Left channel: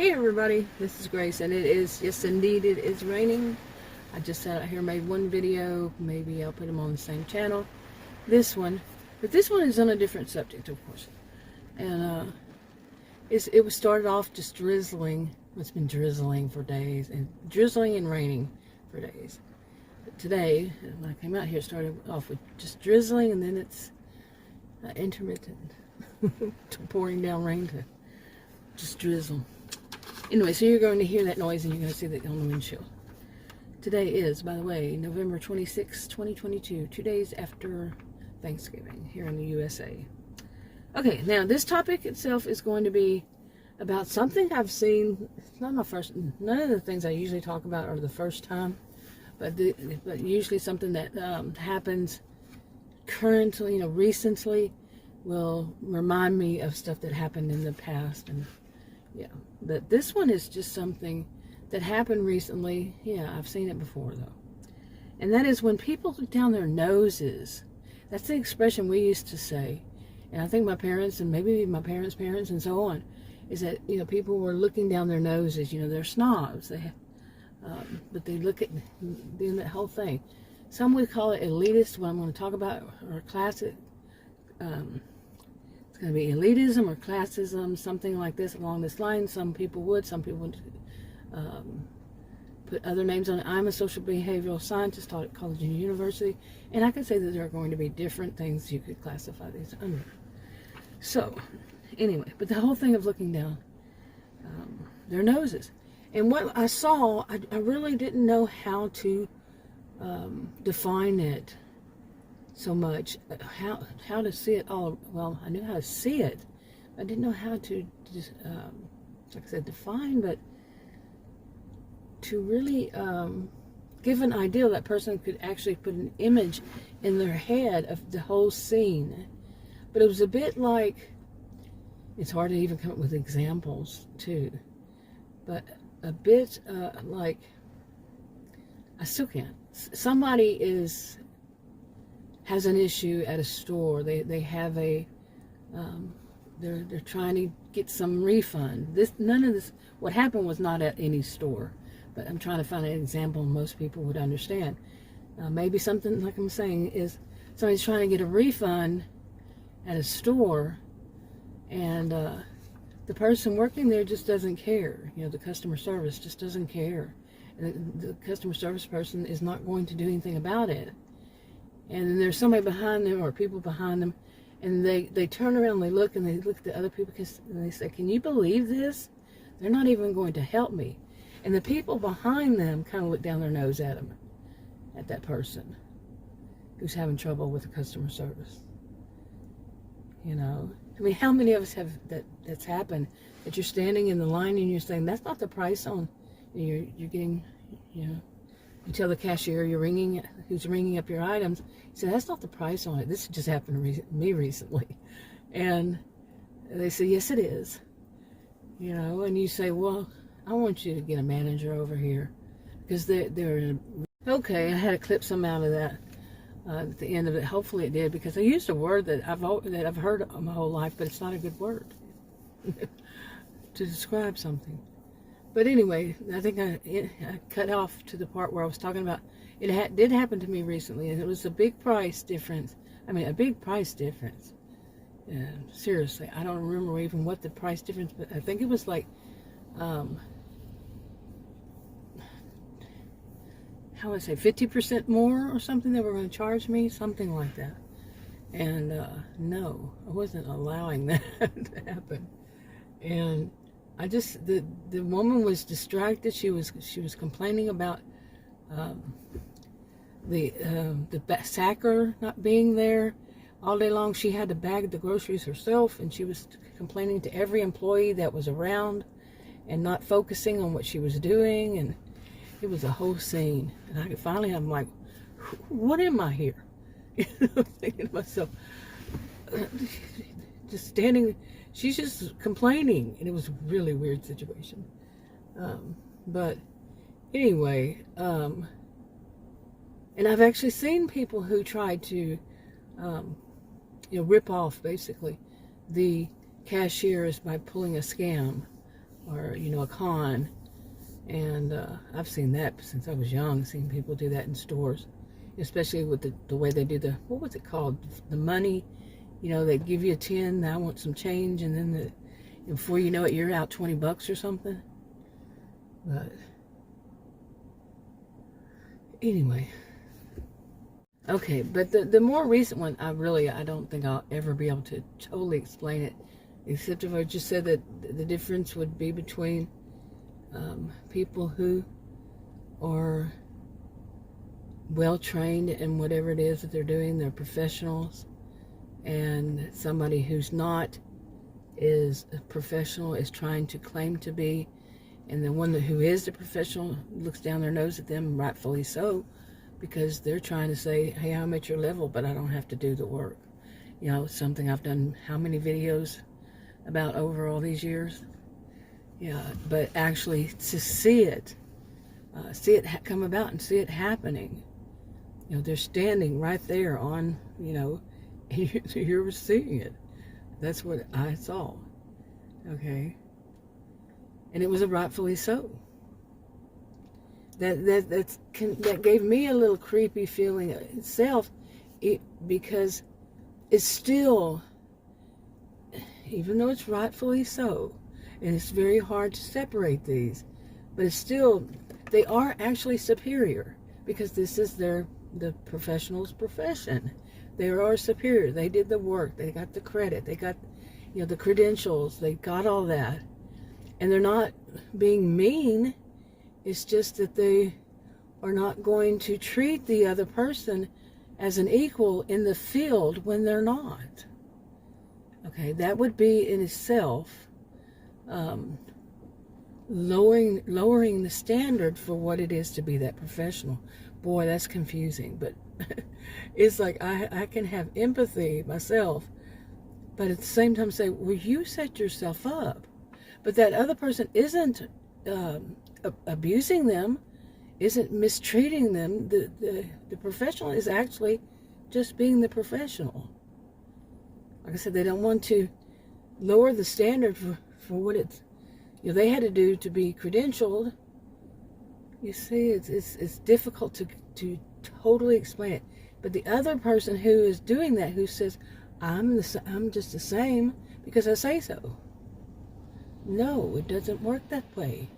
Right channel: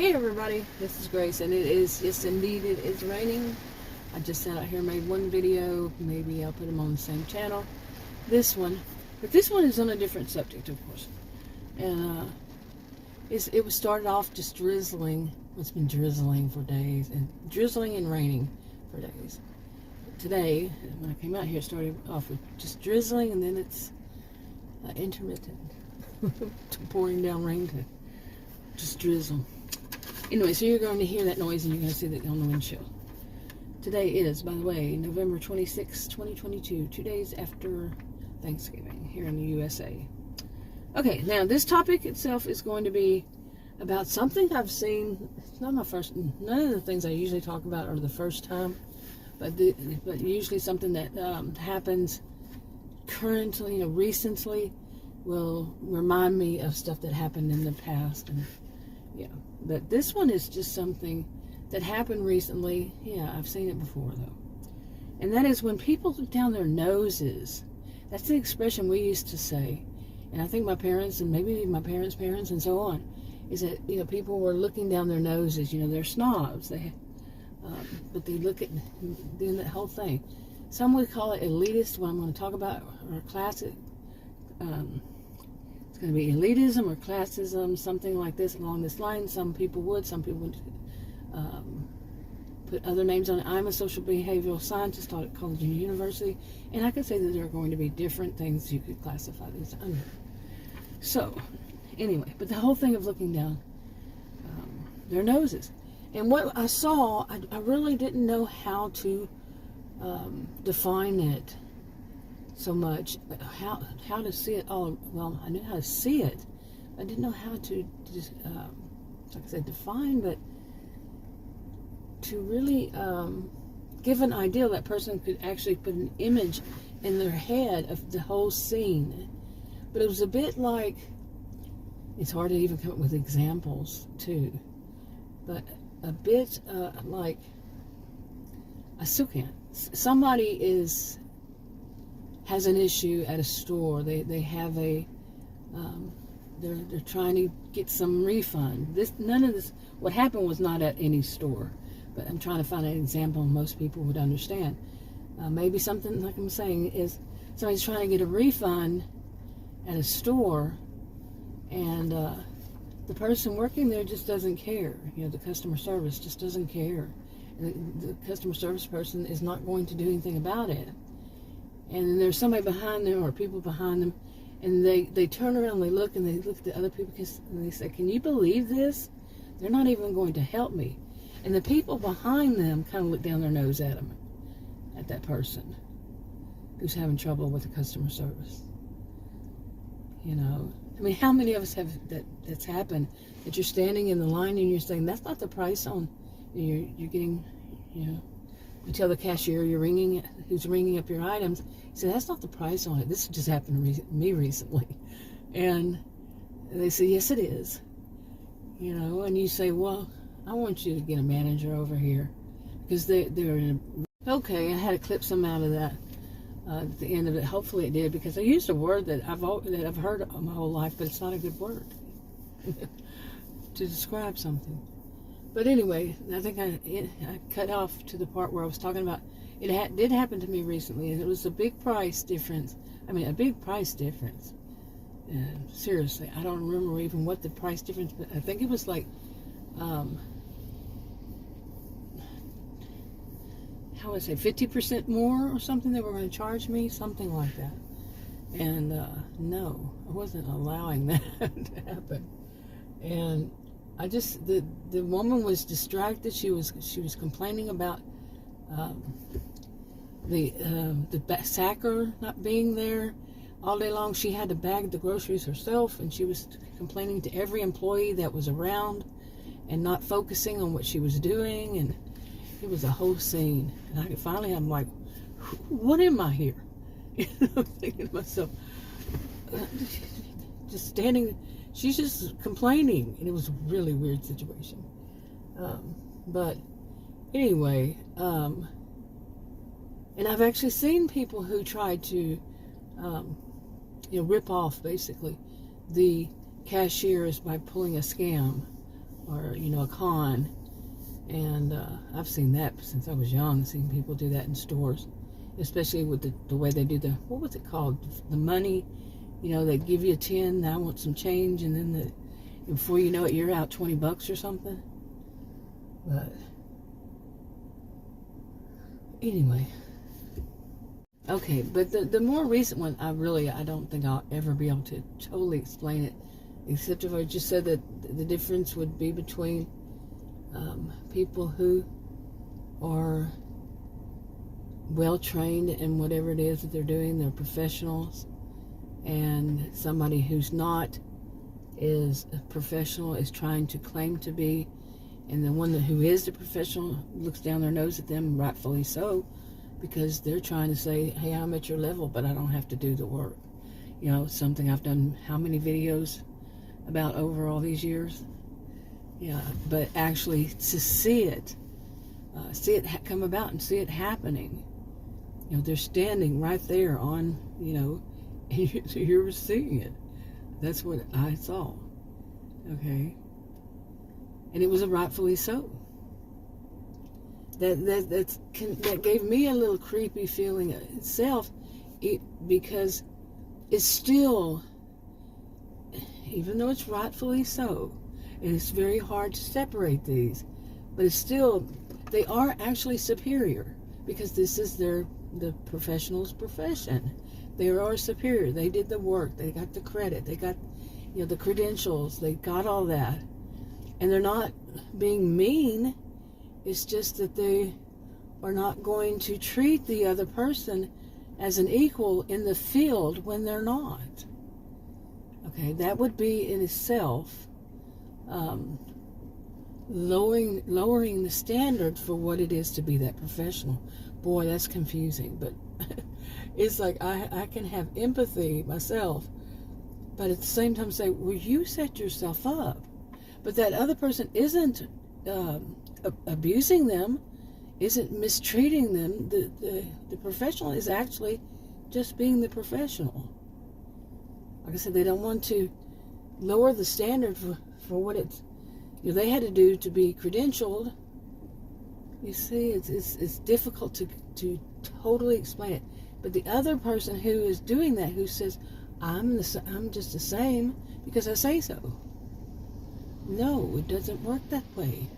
Hey everybody, this is Grace, and it is, yes indeed, it is raining. I just sat out here, made one video. Maybe I'll put them on the same channel. This one, but this one is on a different subject, of course. And it was started off just drizzling. It's been drizzling for days, and drizzling and raining for days. But today, when I came out here, it started off with just drizzling, and then it's intermittent, pouring down rain to just drizzle. Anyway, so you're going to hear that noise, and you're going to see that on the windshield. Today is, by the way, November 26, 2022, 2 days after Thanksgiving here in the USA. Okay, now this topic itself is going to be about something I've seen. It's not my first, none of the things I usually talk about are the first time, but usually something that happens currently, recently, will remind me of stuff that happened in the past. And yeah, but this one is just something that happened recently. Yeah, I've seen it before though. And that is when people look down their noses. That's the expression we used to say. And I think my parents, and maybe my parents' parents and so on, is that, people were looking down their noses. They're snobs. They, but they look at doing that whole thing. Some would call it elitist, what I'm going to talk about, or classic. It's going to be elitism or classism, something like this, along this line. Some people would put other names on it. I'm a social behavioral scientist, taught at college and university, and I can say that there are going to be different things you could classify these under. So, anyway, but the whole thing of looking down their noses. And what I saw, I really didn't know how to define it so much, how to see it all. Well, I knew how to see it. I didn't know how to just, like I said, define, but to really give an idea that person could actually put an image in their head of the whole scene. But it was a bit like, it's hard to even come up with examples too, but a bit like, I still can't. Somebody has an issue at a store. They have a they're trying to get some refund. None of this, what happened was not at any store, but I'm trying to find an example most people would understand. Maybe something like I'm saying is somebody's trying to get a refund at a store, and the person working there just doesn't care. The customer service just doesn't care. The customer service person is not going to do anything about it. And then there's somebody behind them, or people behind them, and they turn around and they look at the other people, and they say, "Can you believe this? They're not even going to help me." And the people behind them kind of look down their nose at them, at that person who's having trouble with the customer service. I mean, how many of us have that's happened, that you're standing in the line and you're saying, "That's not the price on," you're getting, you tell the cashier who's ringing up your items, you say, "That's not the price on it. This just happened to me recently." And they say, "Yes, it is." And you say, "Well, I want you to get a manager over here," because they're okay. I had to clip some out of that at the end of it. Hopefully it did, because I used a word that I've heard my whole life, but it's not a good word to describe something. But anyway, I think I cut off to the part where I was talking about it did happen to me recently, and it was a big price difference. I mean, a big price difference. Seriously, I don't remember even what the price difference, but I think it was like, how would I say, 50% more or something they were going to charge me, something like that. And no, I wasn't allowing that to happen. And I just, the woman was distracted. She was complaining about the sacker not being there all day long. She had to bag the groceries herself, and she was complaining to every employee that was around and not focusing on what she was doing. And it was a whole scene. And finally, I'm like, what am I here? I'm thinking to myself, just standing. She's just complaining, and it was a really weird situation. But anyway, and I've actually seen people who tried to, rip off basically the cashiers by pulling a scam or a con. And I've seen that since I was young, seen people do that in stores, especially with the way they do what was it called? The money, they give you a 10, I want some change, and then before you know it, you're out $20 or something. But anyway, okay, but the more recent one, I don't think I'll ever be able to totally explain it, except if I just said that the difference would be between people who are well trained in whatever it is that they're doing, they're professionals, and somebody who's not is a professional, is trying to claim to be, and the one who is the professional looks down their nose at them, rightfully so, because they're trying to say, hey, I'm at your level, but I don't have to do the work. Something I've done how many videos about over all these years. Yeah, but actually to see it come about and see it happening. They're standing right there on, you're seeing it. That's what I saw. Okay. And it was rightfully so. That gave me a little creepy feeling itself, because it's still, even though it's rightfully so, and it's very hard to separate these, but it's still, they are actually superior, because this is the professional's profession. They are superior. They did the work. They got the credit. They got, the credentials. They got all that. And they're not being mean. It's just that they are not going to treat the other person as an equal in the field when they're not. Okay, that would be in itself lowering the standard for what it is to be that professional. Boy, that's confusing, but it's like I can have empathy myself, but at the same time say, well, you set yourself up, but that other person isn't abusing them, isn't mistreating them. The professional is actually just being the professional. Like I said, they don't want to lower the standard for what it's, they had to do to be credentialed. You see, it's difficult to totally explain it. But the other person who is doing that, who says, I'm just the same because I say so. No, it doesn't work that way.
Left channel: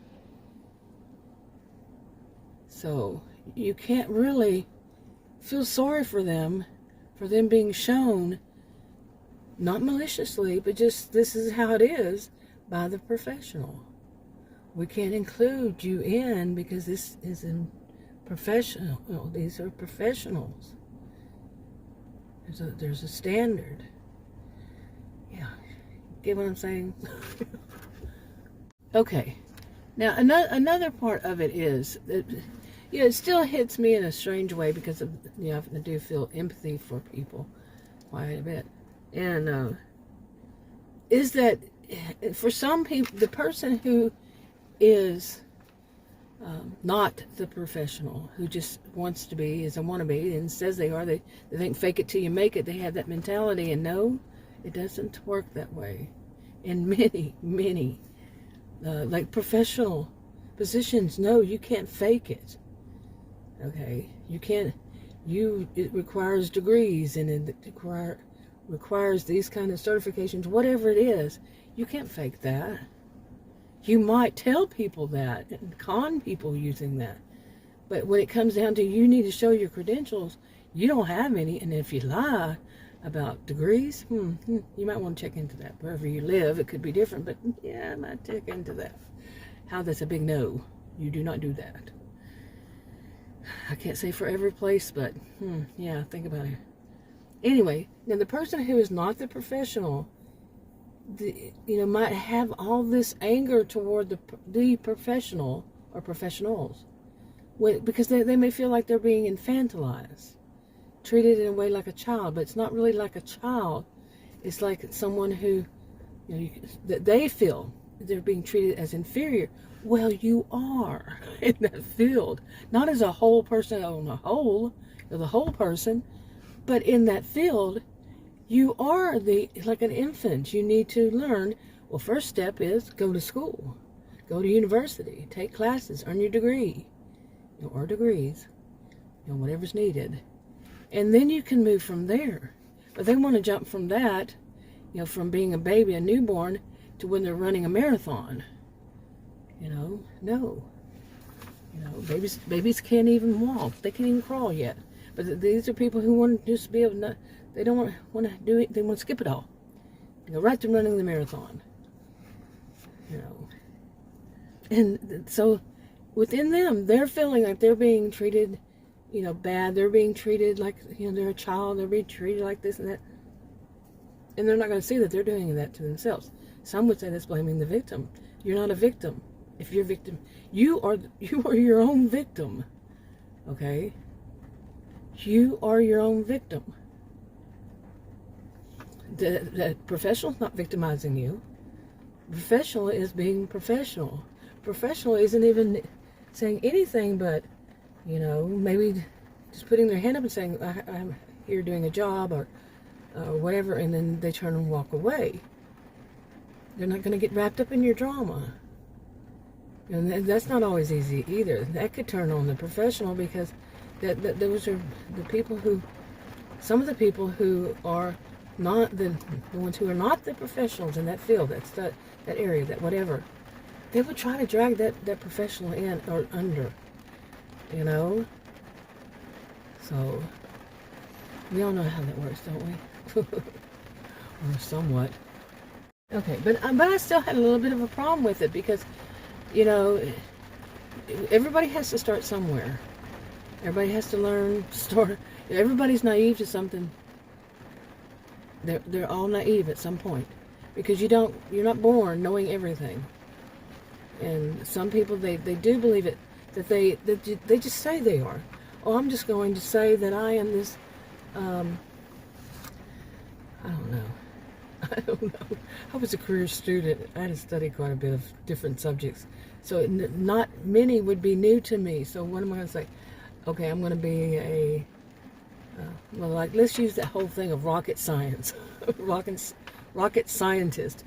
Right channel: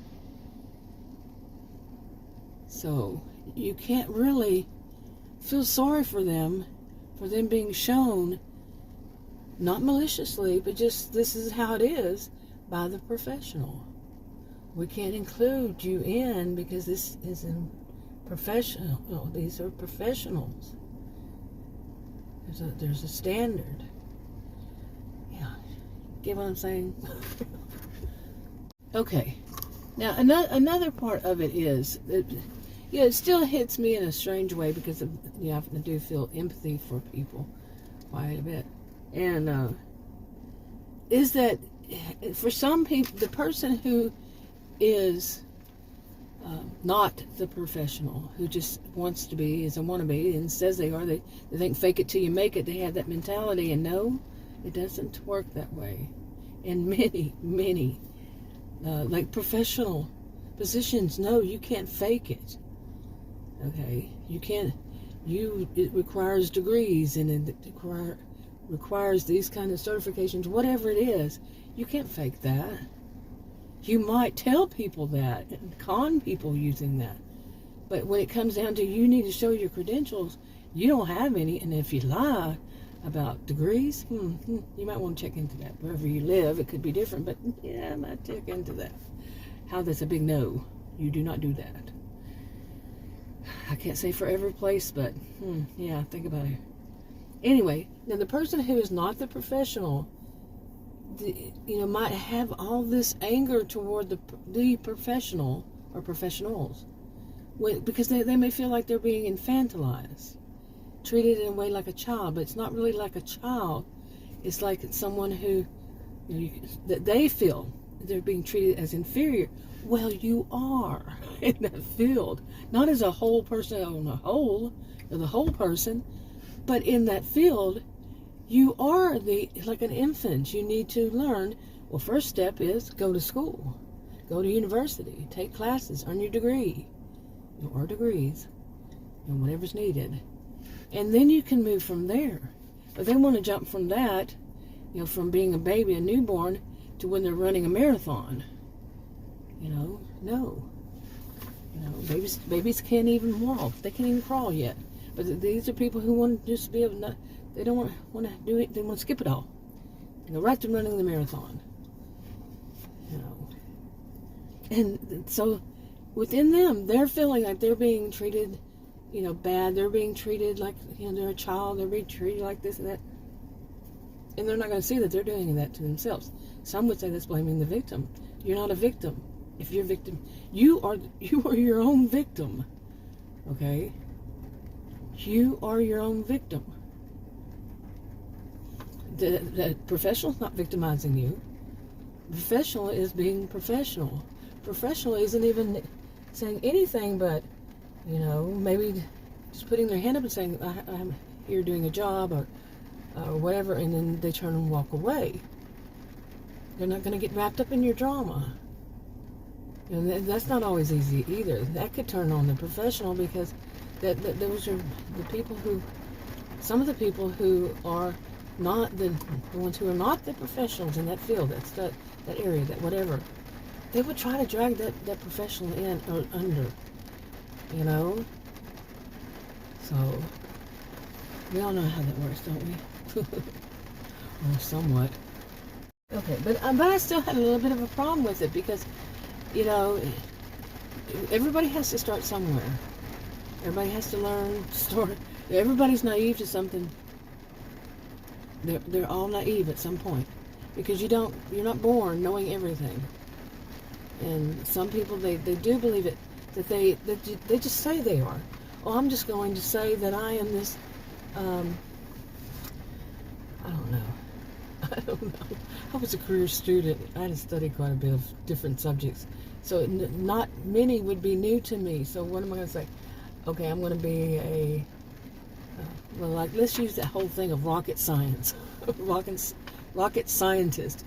So you can't really feel sorry for them being shown, not maliciously, but just this is how it is, by the professional. We can't include you in because this is in professional. No, these are professionals. There's a standard. Yeah, get what I'm saying? Okay. Now another part of it is that, it still hits me in a strange way because I do feel empathy for people quite a bit, and is that for some people, the person who is not the professional, who just wants to be, is a wannabe, and says they are, they think fake it till you make it, they have that mentality, and no, it doesn't work that way. In many like professional positions, no, you can't fake it. Okay, you can't, it requires degrees, and it requires these kind of certifications, whatever it is. You can't fake that. You might tell people that and con people using that, but when it comes down to you need to show your credentials, you don't have any. And if you lie about degrees, you might want to check into that. Wherever you live, it could be different, but yeah, I might check into that. How that's a big no. You do not do that. I can't say for every place, but yeah, think about it. Anyway, now the person who is not the professional, might have all this anger toward the professional or professionals, because they may feel like they're being infantilized, treated in a way like a child, but it's not really like a child. It's like someone who, that they feel they're being treated as inferior. Well, you are in that field, not as a whole person on a whole, the whole person, but in that field, you are like an infant. You need to learn. Well, first step is go to school. go to university, take classes, earn your degree, or degrees, whatever's needed. And then you can move from there. But they want to jump from that, from being a baby, a newborn, to when they're running a marathon. No. Babies can't even walk. They can't even crawl yet. But these are people who want to just be able to, they don't want to do it, they want to skip it all. Right to running the marathon. And so within them, they're feeling like they're being treated, bad. They're being treated like, they're a child. They're being treated like this and that. And they're not going to see that they're doing that to themselves. Some would say that's blaming the victim. You're not a victim. If you're a victim, you are your own victim. Okay? You are your own victim. The professional's not victimizing you. Professional is being professional. Professional isn't even saying anything but, maybe just putting their hand up and saying, I'm here doing a job or whatever, and then they turn and walk away. They're not going to get wrapped up in your drama. And that's not always easy either. That could turn on the professional, because those are the people who, some of the people who are not the ones who are not the professionals in that field, that area, that whatever, they would try to drag that professional in or under, So, we all know how that works, don't we? Or somewhat. Okay, but I still had a little bit of a problem with it, because, everybody has to start somewhere. Everybody has to learn, everybody's naive to something. They're all naive at some point, because you're not born knowing everything. And some people, they do believe it, that they just say they are. Oh, I'm just going to say that I am this, I don't know. I was a career student. I had to study quite a bit of different subjects. So not many would be new to me. So what am I going to say? Okay, I'm going to be let's use that whole thing of rocket science. rocket scientist.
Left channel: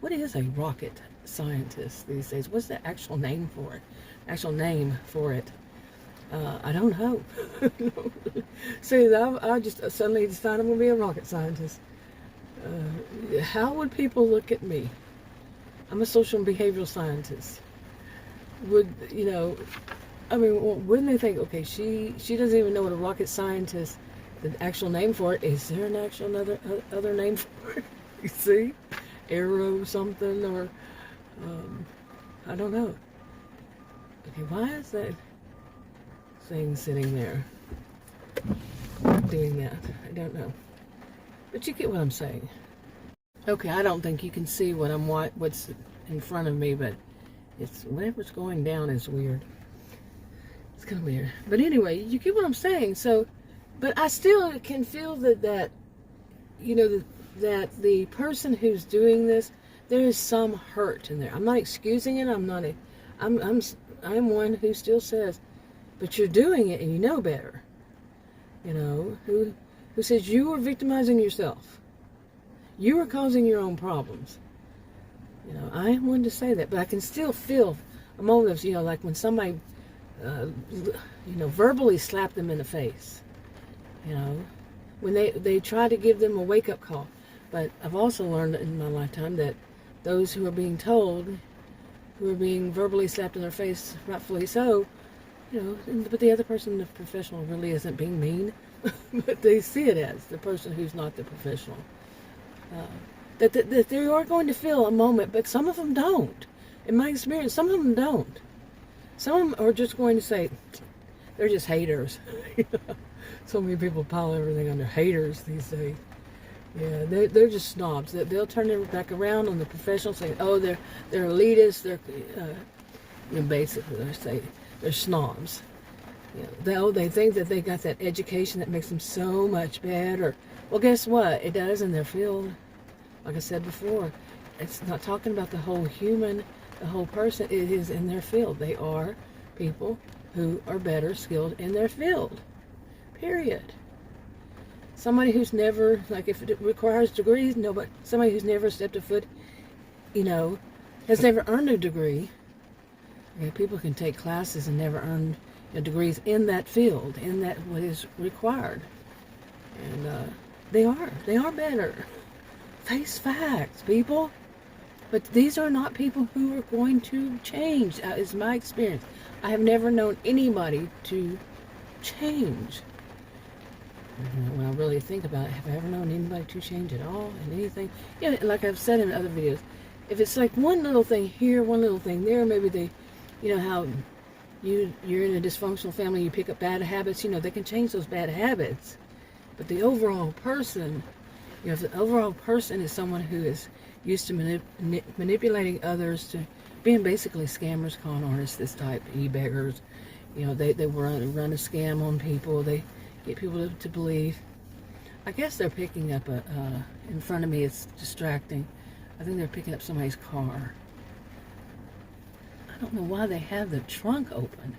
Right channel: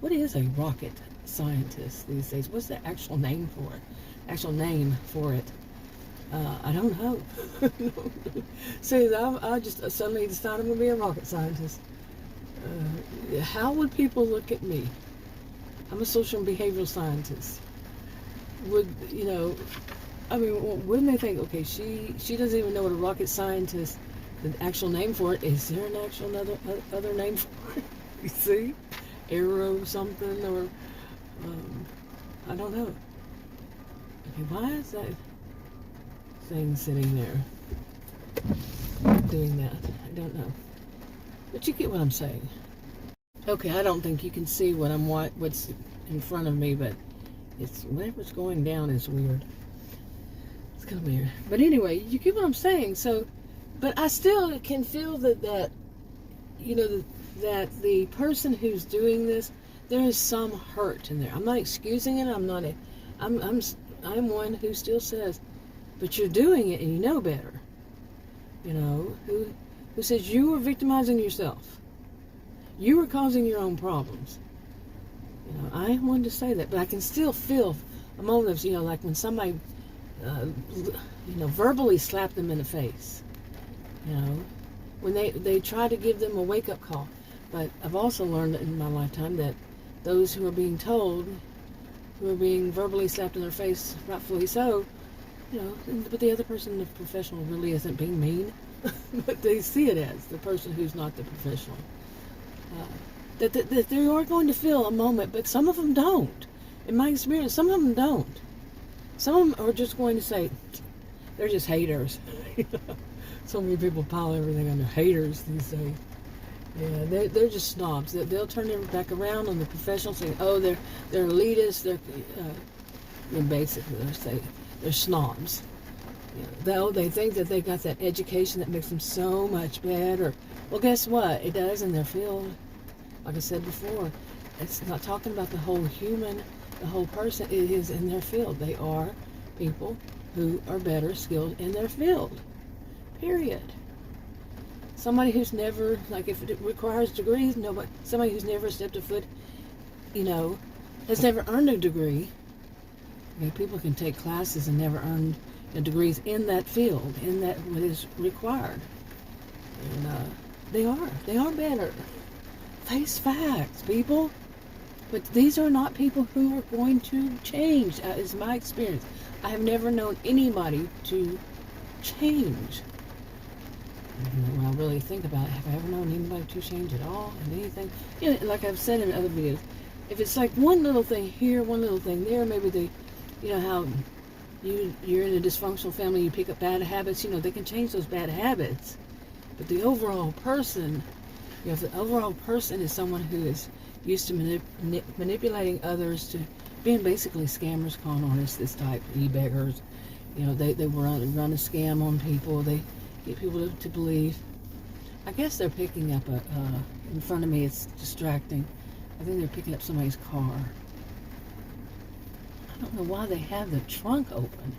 What is a rocket scientist these days? What's the actual name for it? Actual name for it? I don't know. See, I just suddenly decided I'm going to be a rocket scientist. How would people look at me? I'm a social and behavioral scientist. Wouldn't they think, okay, she doesn't even know what a rocket scientist, the actual name for it, is there an actual other name for it? You see? Aero something, or, I don't know. Okay, why is that thing sitting there doing that? I don't know. But you get what I'm saying. Okay, I don't think you can see what's in front of me, but whatever's going down is weird. It's kind of weird. But anyway, you get what I'm saying. So, but I still can feel that the person who's doing this, there is some hurt in there. I'm not excusing it. I'm one who still says, but you're doing it and you know better. Who says you are victimizing yourself. You are causing your own problems. I am one to say that, but I can still feel a moment of, like when somebody, verbally slapped them in the face. When they try to give them a wake-up call. But I've also learned in my lifetime that those who are being told, who are being verbally slapped in their face, rightfully so, but the other person, the professional, really isn't being mean. But they see it as the person who's not the professional. That they are going to feel a moment, but some of them don't. In my experience, some of them don't. Some of them are just going to say, they're just haters. So many people pile everything under haters these days. Yeah, they're just snobs. They'll turn their back around on the professional, saying, oh, they're elitists. They're basically they say they're snobs. They think that they got that education that makes them so much better. Well, guess what? It does in their field. Like I said before, it's not talking about the whole human, the whole person. It is in their field. They are people who are better skilled in their field. Period. Somebody who's never, like if it requires degrees, somebody who's never stepped a foot, has never earned a degree, Okay, people can take classes and never earn degrees in that field, in that what is required. And they are better. Face facts, people. But these are not people who are going to change. That is my experience. I have never known anybody to change. When I really think about it, have I ever known anybody to change at all in anything? You know, like I've said in other videos, if it's like one little thing here, one little thing there, maybe they, you know how you're in a dysfunctional family, you pick up bad habits, you know, they can change those bad habits. But the overall person, you know, if the overall person is someone who is used to manipulating others, to being basically scammers, con artists, this type, e-beggars, you know, they run a scam on people, they get people to believe. I guess they're picking up in front of me, it's distracting. I think they're picking up somebody's car. I don't know why they have the trunk open.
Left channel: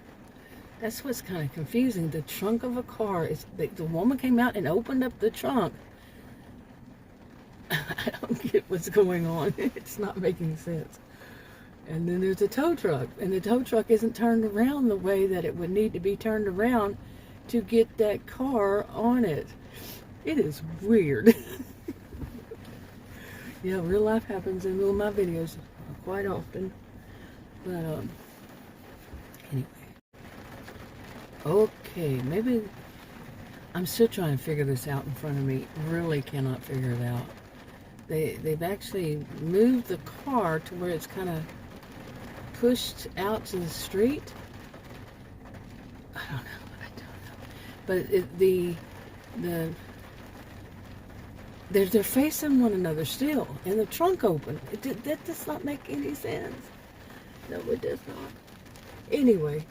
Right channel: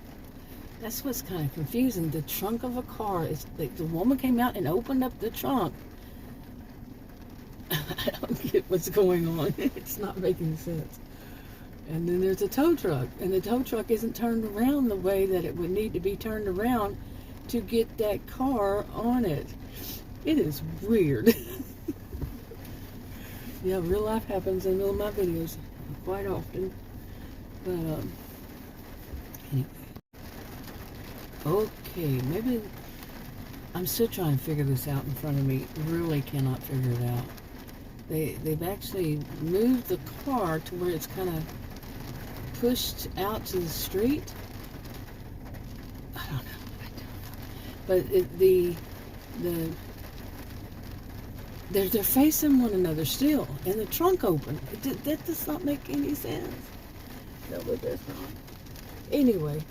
That's what's kind of confusing. The trunk of a car is, the woman came out and opened up the trunk. I don't get what's going on. It's not making sense. And then there's a tow truck, and the tow truck isn't turned around the way that it would need to be turned around to get that car on it. It is weird. Yeah, real life happens in all my videos quite often. But anyway. Okay, maybe I'm still trying to figure this out in front of me. Really cannot figure it out. They've actually moved the car to where it's kind of pushed out to the street. I don't know. But they're facing one another still, and the trunk open. That does not make any sense. No, it does not. Anyway.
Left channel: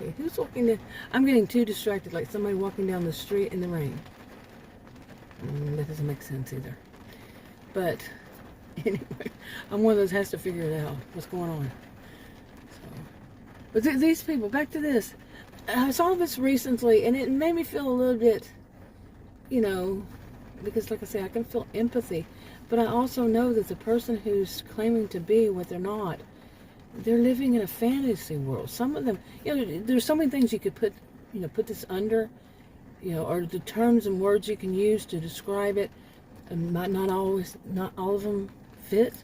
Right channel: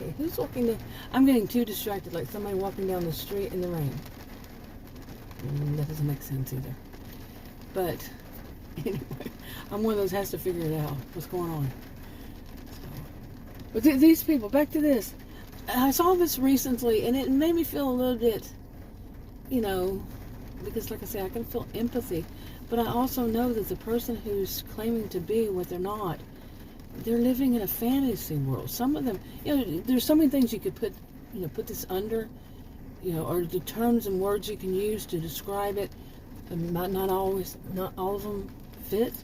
Okay, who's walking down? I'm getting too distracted, like somebody walking down the street in the rain. That doesn't make sense either. But anyway, I'm one of those has to figure it out. What's going on? But these people, back to this. I saw this recently, and it made me feel a little bit, you know, because like I say, I can feel empathy. But I also know that the person who's claiming to be what they're not, they're living in a fantasy world. Some of them, you know, there's so many things you could put this under, you know, or the terms and words you can use to describe it. Not all of them fit,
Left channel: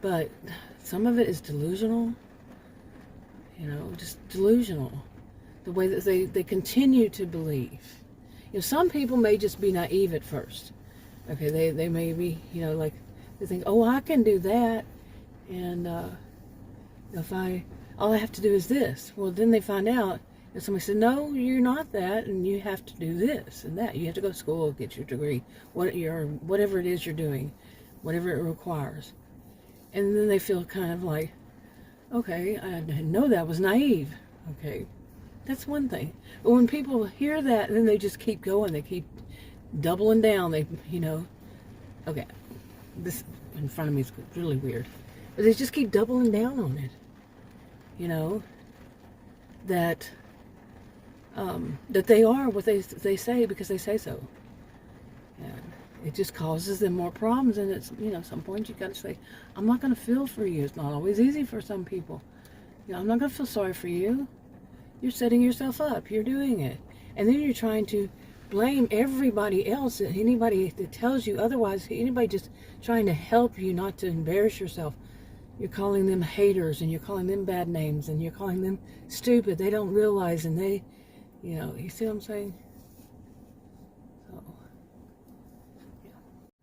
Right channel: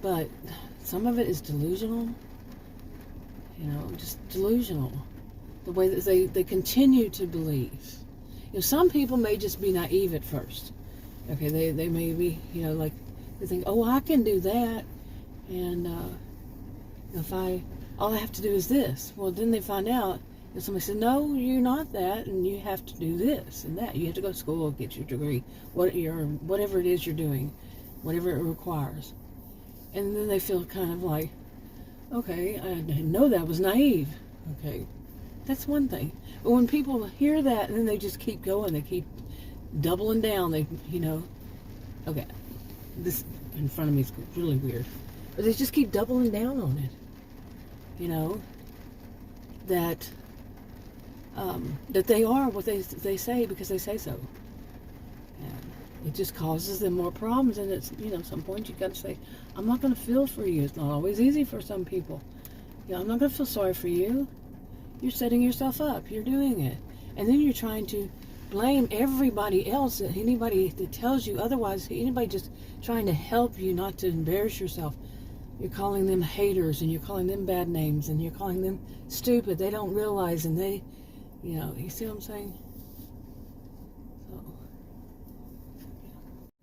but some of it is delusional. You know, just delusional. The way that they continue to believe. You know, some people may just be naive at first. Okay, they may be, you know, like they think, oh, I can do that, and if all I have to do is this. Well, then they find out, and somebody said, no, you're not that, and you have to do this and that. You have to go to school, get your degree, whatever it is you're doing, whatever it requires. And then they feel kind of like, okay, I didn't know that was naive. Okay, that's one thing. But when people hear that, and then they just keep going, they keep doubling down. They, you know, okay, this in front of me is really weird, but they just keep doubling down on it. You know, that they are what they say because they say so. And it just causes them more problems. And it's, you know, at some point you got to say, I'm not going to feel for you. It's not always easy for some people. You know, I'm not going to feel sorry for you. You're setting yourself up. You're doing it. And then you're trying to blame everybody else, anybody that tells you otherwise, anybody just trying to help you not to embarrass yourself. You're calling them haters, and you're calling them bad names, and you're calling them stupid. They don't realize, and they, you know, you see what I'm saying? So,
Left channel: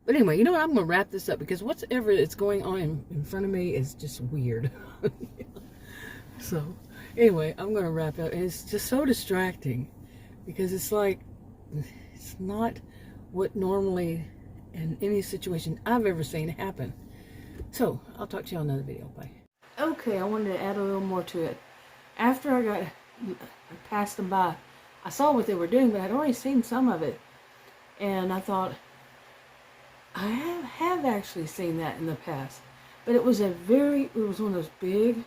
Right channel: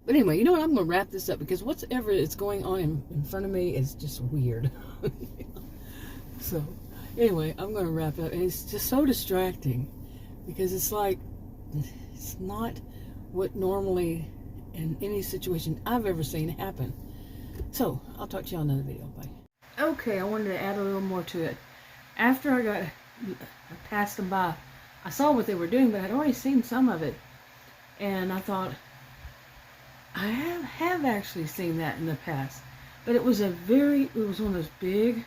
but anyway, you know what? I'm going to wrap this up because whatever is going on in front of me is just weird. So, anyway, I'm going to wrap up. And it's just so distracting because it's like, it's not what normally in any situation I've ever seen happen. So, I'll talk to you on another video. Bye. Okay, I wanted to add a little more to it. After I passed them by, I saw what they were doing, but I'd already seen some of it. And I thought, I have actually seen that in the past. But it was one of those big,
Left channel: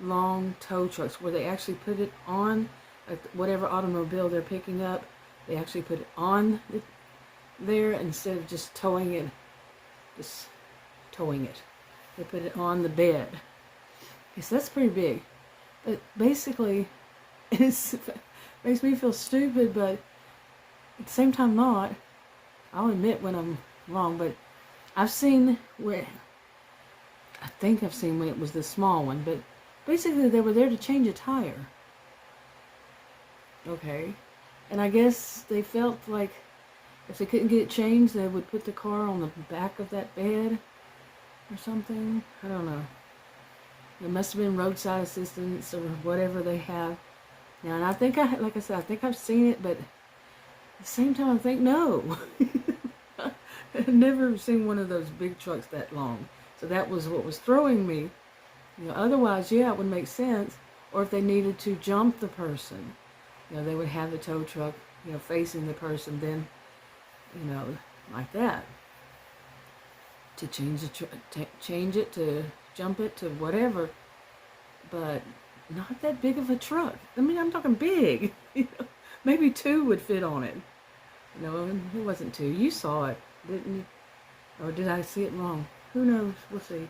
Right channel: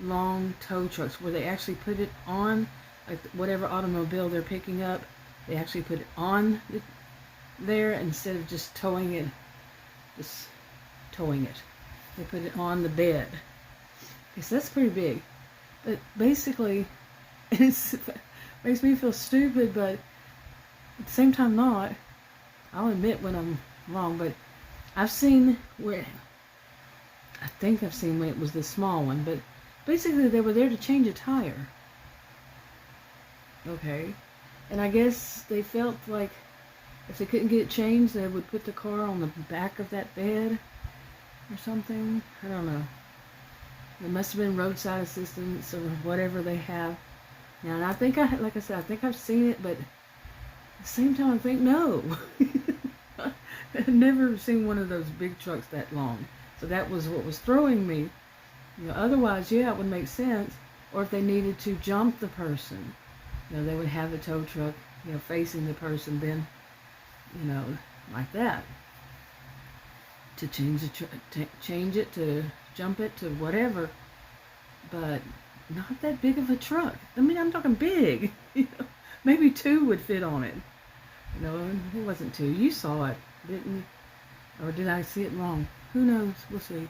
long tow trucks where they actually put it on, like whatever automobile they're picking up, they actually put it on there instead of just towing it. They put it on the bed. Yes, that's pretty big. But basically, it makes me feel stupid, but at the same time not. I'll admit when I'm wrong, but I've seen where, I think I've seen when it was the small one, but basically they were there to change a tire. Okay. And I guess they felt like if they couldn't get it changed, they would put the car on the back of that bed or something. I don't know. It must have been roadside assistance or whatever they have. Now, and I think like I said, I think I've seen it, but at the same time, I think no. I've never seen one of those big trucks that long. So that was what was throwing me. Otherwise, yeah, it would make sense. Or if they needed to jump the person, they would have the tow truck, facing the person, then, like that. To change it, to jump it, to whatever. But not that big of a truck. I mean, I'm talking big. Maybe 2 would fit on it. And it wasn't 2. You saw it, didn't you? Or did I see it wrong? Who knows? We'll see.